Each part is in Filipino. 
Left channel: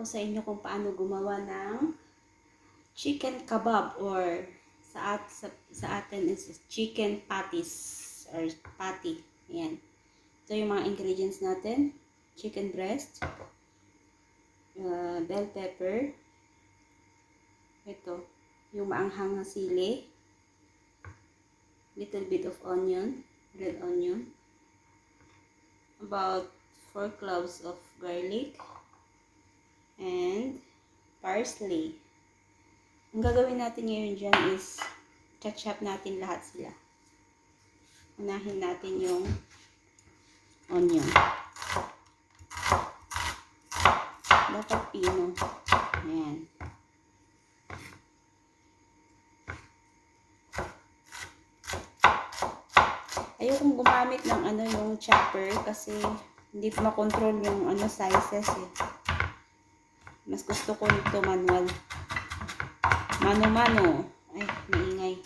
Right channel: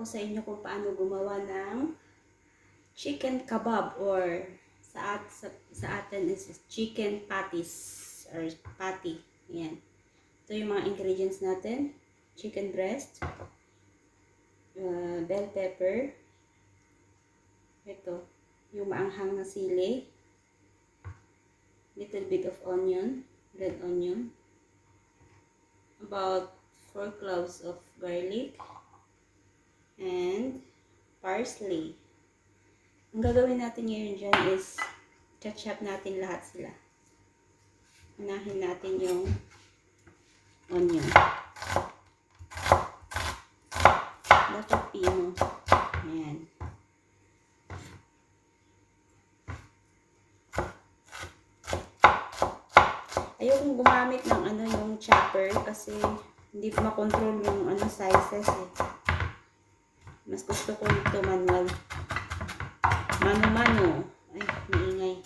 ko sa inyo kung paano gumawa ng chicken kebab or sa atin is chicken patties or patty. Ayan. Ito yung mga ingredients natin. Chicken breast, bell pepper, ito, yung maanghang na sili, little bit of onion, red onion, about 4 cloves of garlic, and parsley. Ang gagawin natin ngayon dyan is chop natin lahat sila. Unahin natin yung onion. Dapat pino. Ayan. Ayokong gumamit ng yung chopper kasi hindi ko makontrol yung sizes eh. Mas gusto ko ito manual. Mano-mano. Ay, maingay.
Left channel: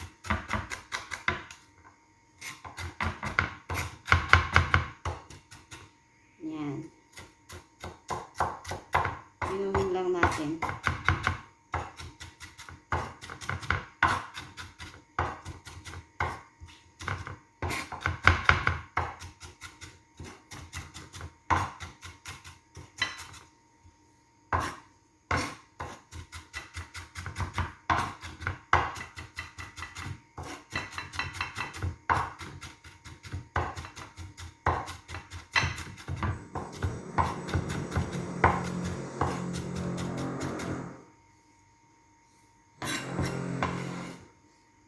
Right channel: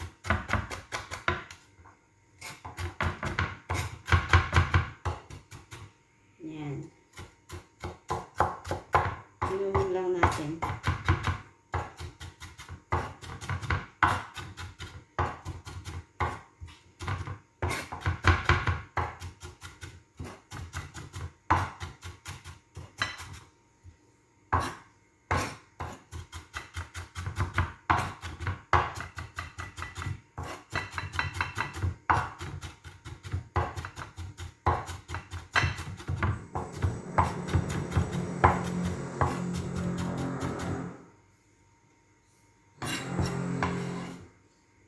Ayan. Inumin lang natin.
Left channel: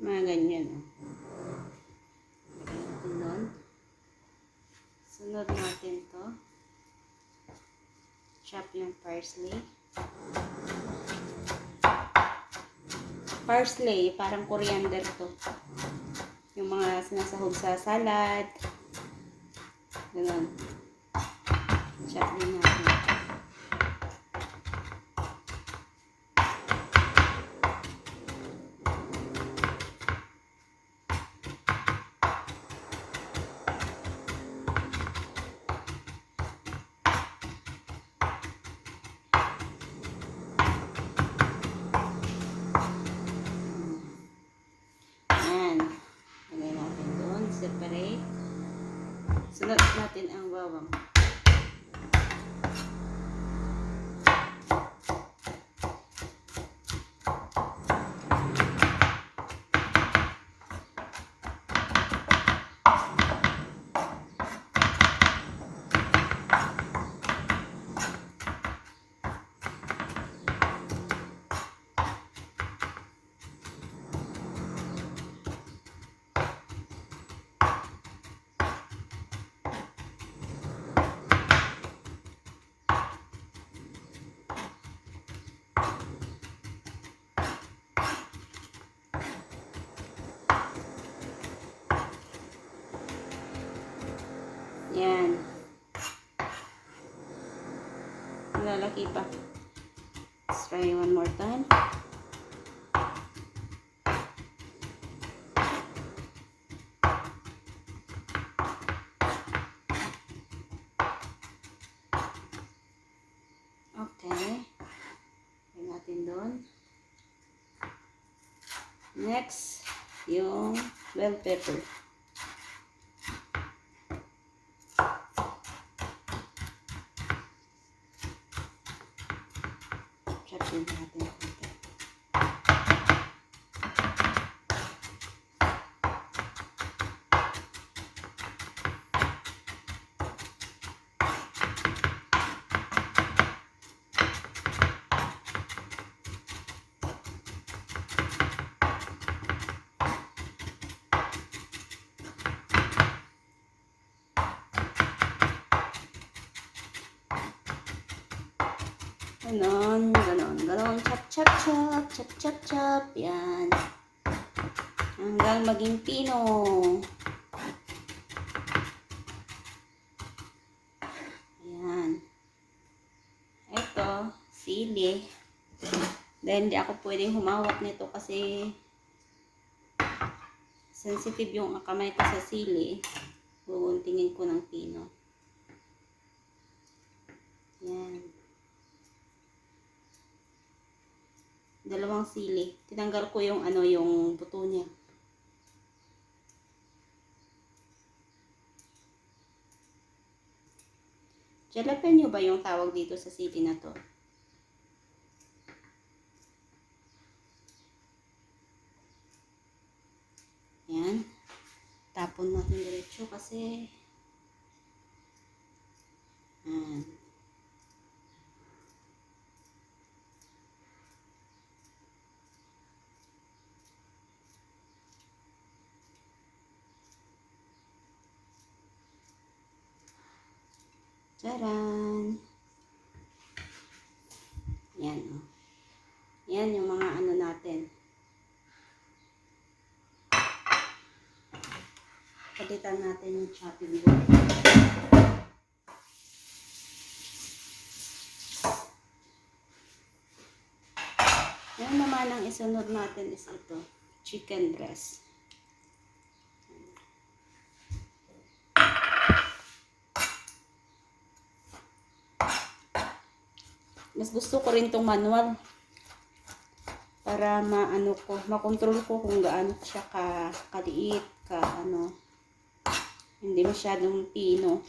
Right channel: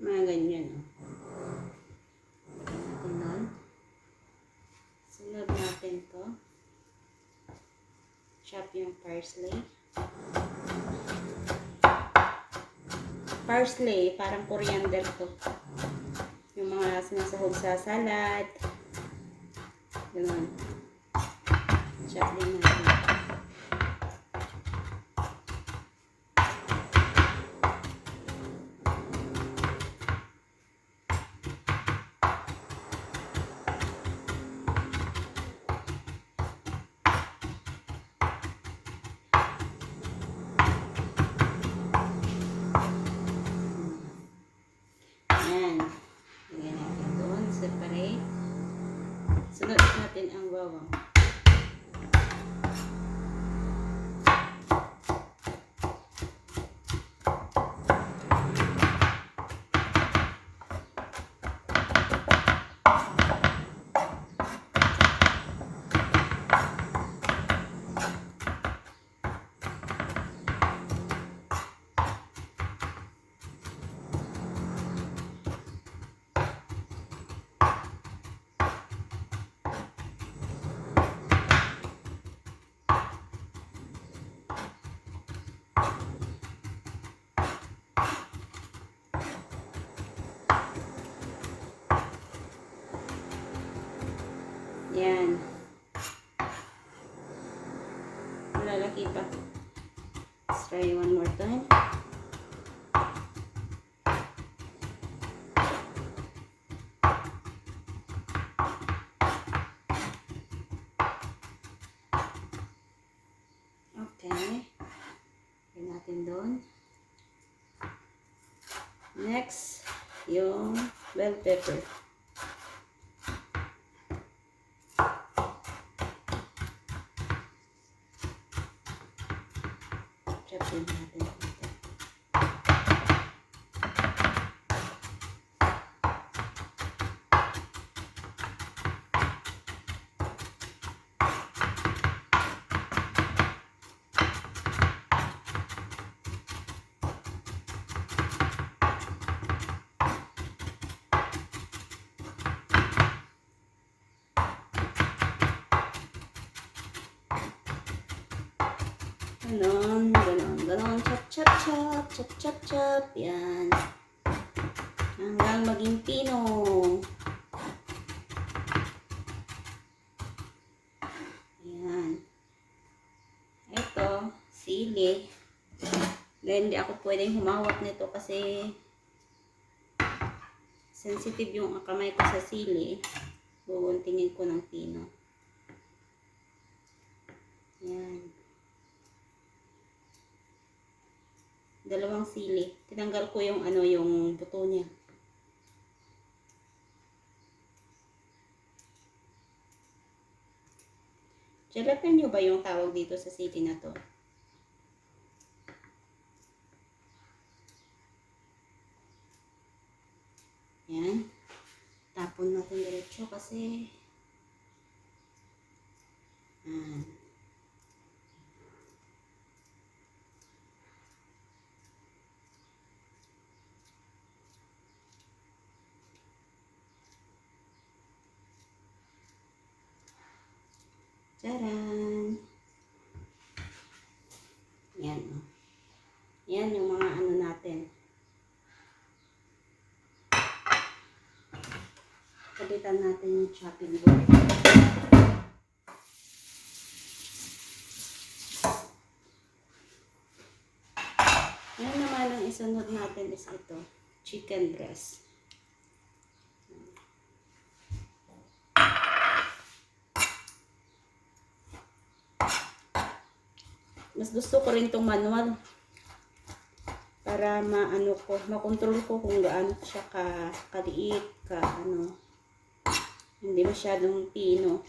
Mga ganyan. Sunod natin to. Chop yung parsley. Parsley, parang coriander to. Yung mga sinasahog sa salad. Ganun. Chop din natin. Separate. Sunod natin ang bawang. Yan. Lalaki pa. Let's try one more time. Okay. Lagyan natin doon. Next, yung bell pepper. Chop natin. Ganon, ganon, ganon. Chop, chop, chop, chop, chop, chop. Yan. Hanggang maging pino. Yan. Ito, sili. Then, hindi ako pwedeng humawak nito kasi sensitive yung kamay ko sa sili. Buguntingin ko ng pino. Yan. Dalawang sili. Tinanggal ko yung ano, yung buto niya. Jalapeno ba yung tawag dito sa city na to? Yan. Tapon natin diretso kasi yan. Tcharan! Yan. Yan yung mga ano natin. Palitan natin yung chopping board. Ngayon naman ang isunod natin is ito, chicken breast. Mas gusto ko rin tong manual para maano ko, makontrol ko kung gaano siya kaliit, ano, hindi masyadong pino.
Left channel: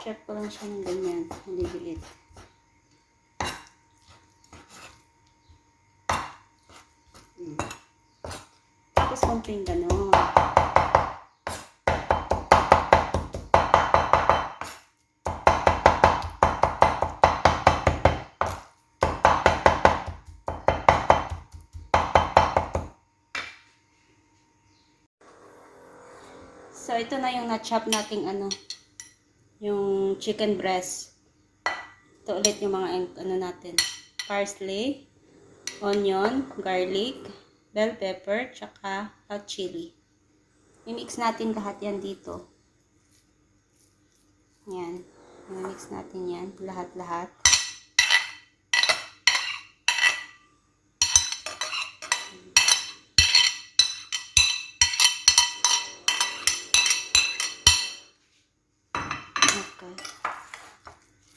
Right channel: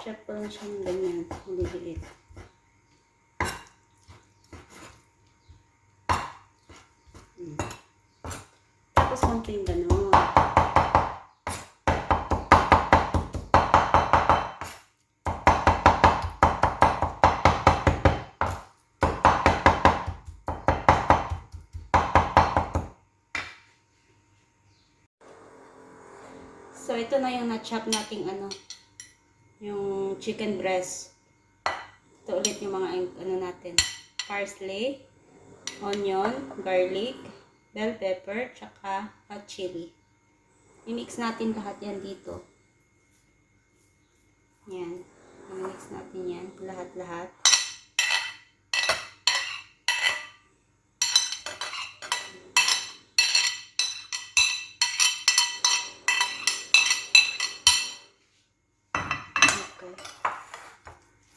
Check ko lang siya ng ganyan, hindi liit. Tapos konting gano'n. So, ito na yung na-chop nating ano, yung chicken breast. Ito ulit yung mga ano natin. Parsley, onion, garlic, bell pepper, tsaka hot chili. I-mix natin lahat yan dito. Yan. I-mix natin yan. Lahat-lahat.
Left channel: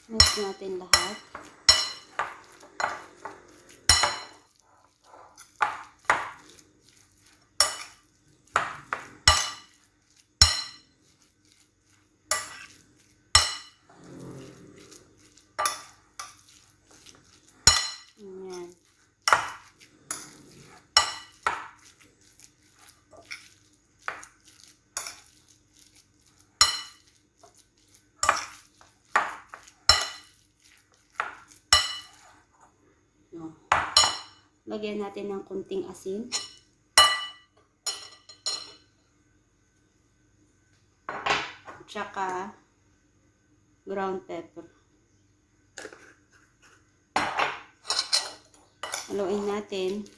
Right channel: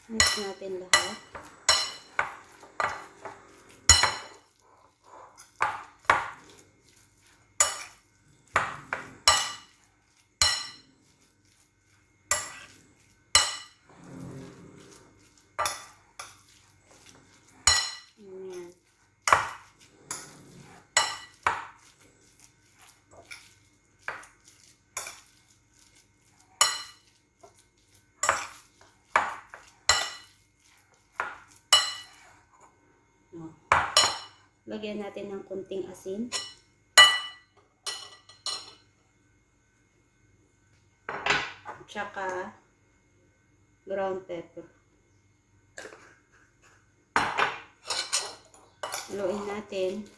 Mix natin lahat. Ayan. Lagyan natin ng kunting asin. Tsaka ground pepper. Haluin natin.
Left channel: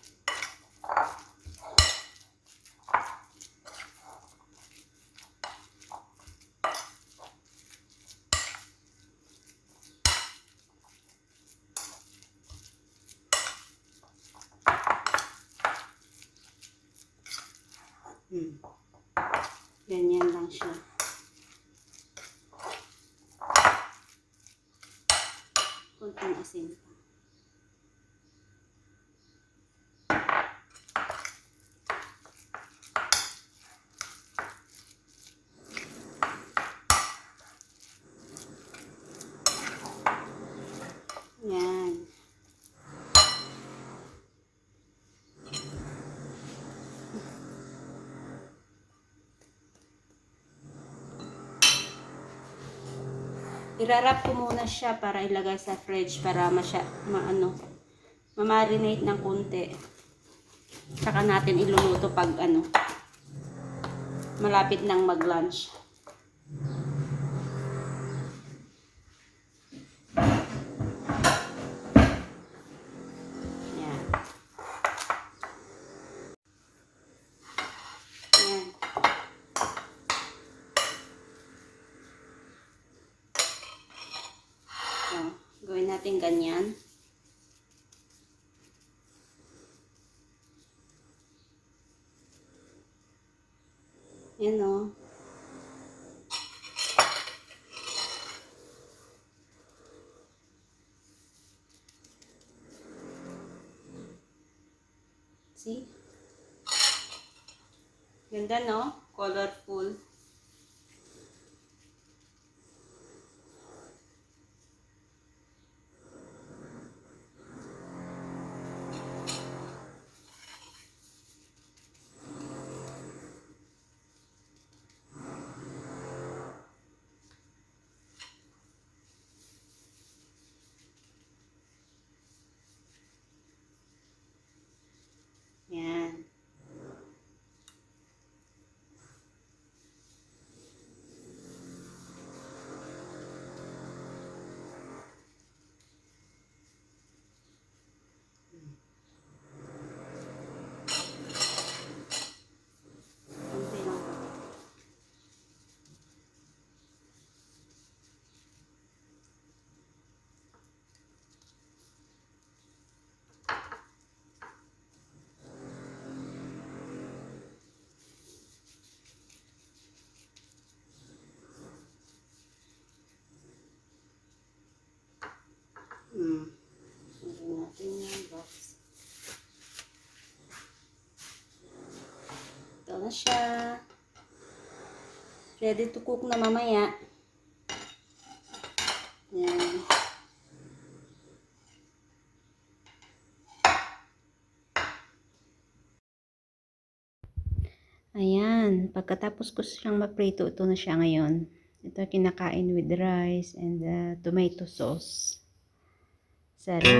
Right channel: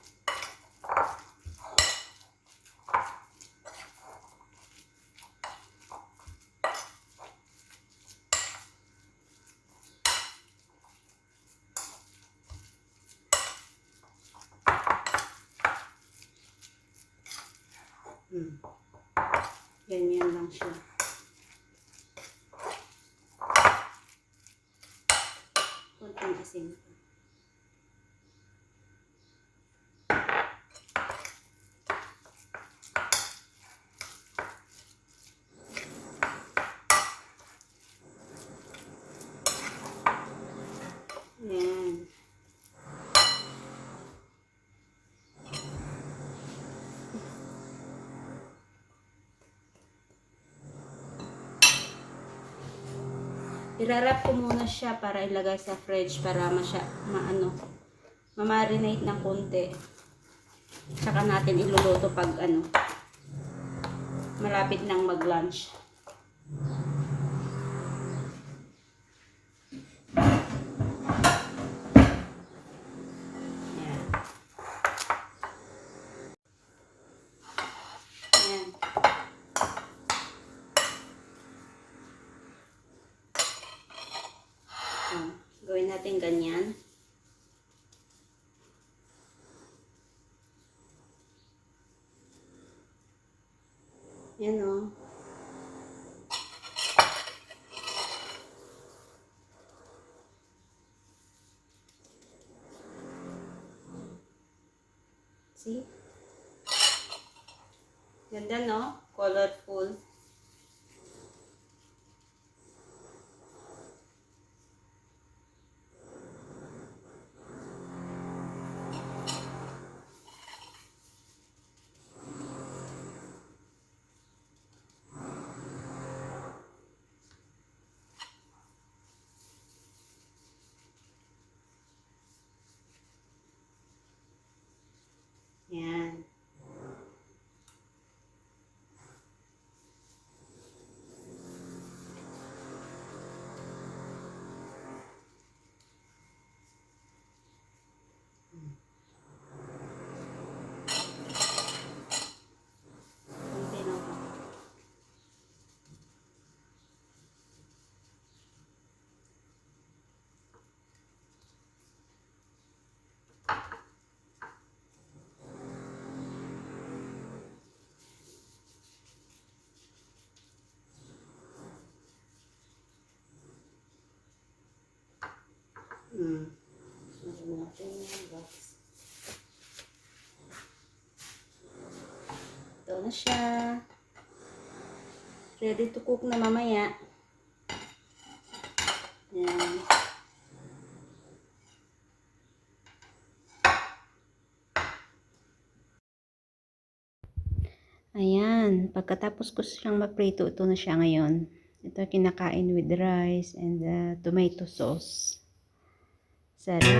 Ganyan lang siya. Kunting asin pa. Yan. Irarap ko muna siya para ilagay sa fridge para ma-marinate ng konti. Saka natin iluluto pag ano, malapit nang mag-lunch. Yan. Yan. Gawin natin ganyan. Yan o. See? Ganda, no? Colorful. Yan. Konti lang. Lagyan natin yung box. Ito na siya. Ready to cook na mamaya. Yan. Ayan. Pagkatapos ko siyang maprito, ito na siya ngayon. Ito kinakain with rice and tomato sauce. Sarap.